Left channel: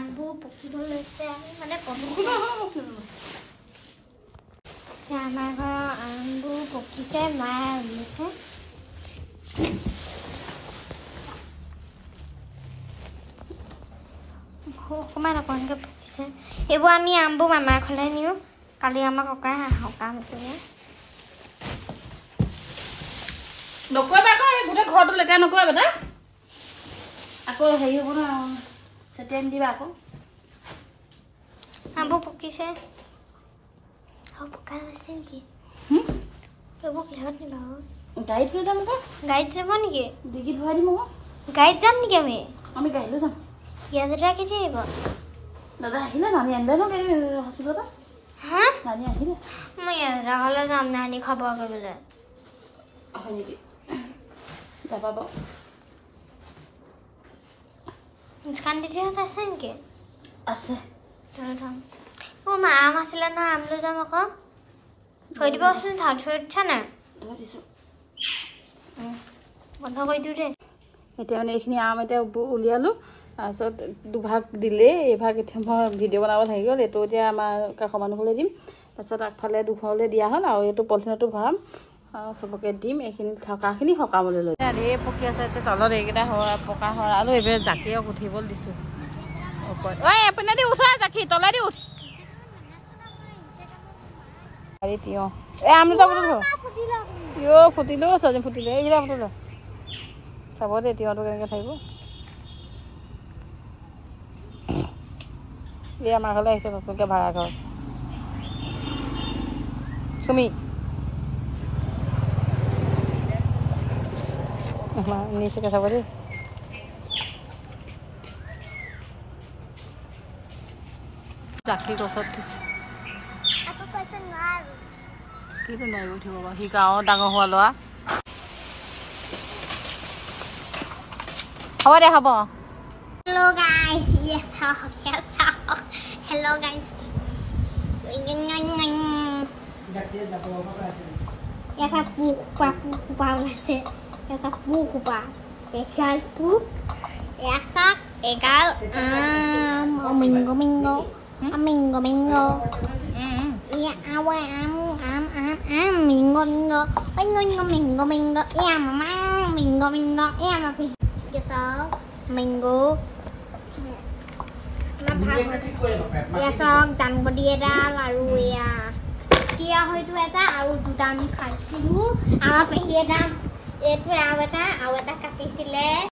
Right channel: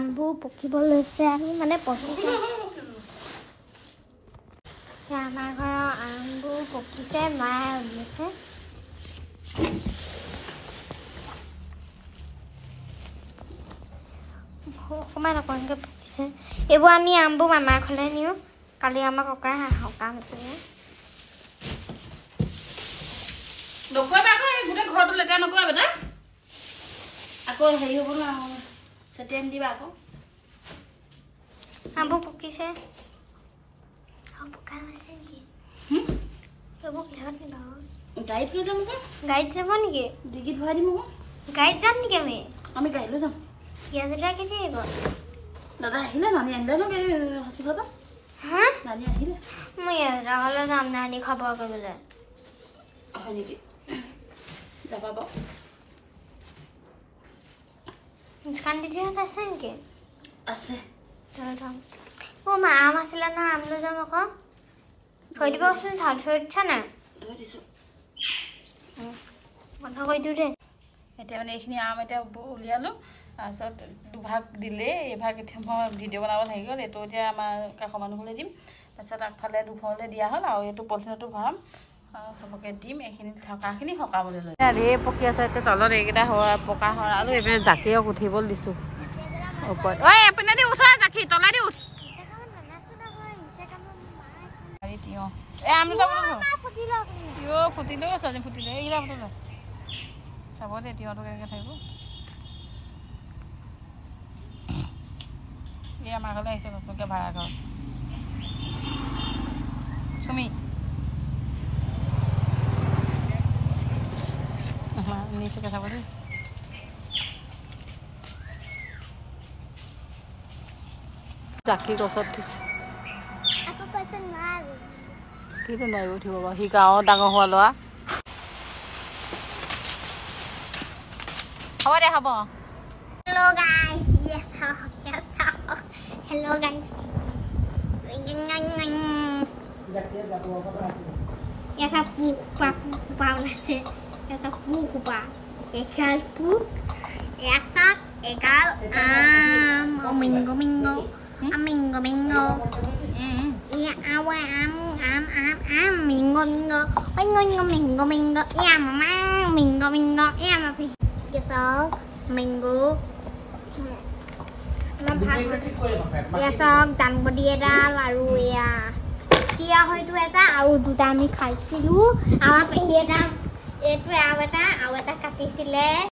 আমবো পকিব লৈছে আমি মানে পকিছে আমাৰ ঘৰৰ আমবো পকিছে মায়ে উলিয়াইছে অকমান অকণকে পকিছে এইবোৰ আমি আমবো মামাৰ ঘৰলৈ নিওঁ কালি আমাৰ ককাৰ সকাম আছে নকৰিবা আকৌ এই গোটেই ঘৰটো লেতেৰা নকৰিবা বেটা আকৌ হেৰি হ'ব ন চেটিয়াই নিদিবা আকৌ আমবো পকিছে আৰু পকা আছে নেকি এইবোৰ কিহত নিবা গাড়ীত লৈ যাম আকৌ গাড়ীত যাব নেকি ডিগিত ভৰাই দিম আকৌ গাড়ীত যাম নেকি আমি গাড়ী লৈ যাম ইয়াত কেতিয়া আহিব দাদা আহিলে নানি আনিলে ন হস্পিটেলত হা নানি আহিলে মই ইয়াত ঘৰলৈ যাম নানি খবৰ কৰিবলৈ হয় নেকি যাবা বাৰু মুস্কান দিদিহঁত আছে নেকি আছে তালৈ যাম মা আম আছিলে না আম লৈ যাম আকৌ থৈ দিবচোন থৈ দিছা নাই থৈ দিছোঁ বন্ধ কৰি দিওঁ দেই এতিয়া মানে এইখিনি আম এতিয়া উলিয়ালোঁ তাৰপিছত দুভাগ দিলে এইভাগ এতিয়া মই ভিডিঅ' বনাব থাকি গ'ল এইটো এতিয়া আমাৰ কাষৰ মানুহলৈ দিম তাৰপিছত আগফালে দুঘৰলৈ দিয়া হ'ল আৰু এইটো পলিথিনতো ভৰাম আৰু চবকে দিম এইখিনি থকাখিনি সকামলৈ লৈ ঢেৰ পকি আছে এতিয়া তলত এইকেইটা পকা সৰালোঁ এইবিলাক জাকিয়ক উঠিবলৈ দিছোঁ ওপৰত ঐ আপুনি দি উঠোৱা জাকি তলাই দি উঠ তিয়ঁহ এই আম দুটা তিয়ঁহ ফুটিলেও ছোৱালী ফুটিলে এইকেইটা ফুটিলে চাব দেই তিয়ঁহটো কেনেকৈ থাকিব এই আমাৰ ঘৰলৈ আহিছে নতুনকৈ ভাড়া ঘৰ চুমি নিচুকে চাব দেই জাকি গছত উঠিছে কিন্তু নোৱাৰিব উঠিব বাৰু সি গাঁৱত ডাঙৰ হোৱা ল'ৰা হ'ব দে হ'ব Hello guys, yes, hello guys. Yes, pupa nasi. Yes, pupa. Egal pu. Yes, egal mingo. Mingo. Iya, awa mingo. Mingo. Iya, mama mingo. Iya, mama. Gitu. Mingo. Yasok dan bediedal lalu ya dia itu eta au dudami khaisilu ama pehedam itu aweta katisile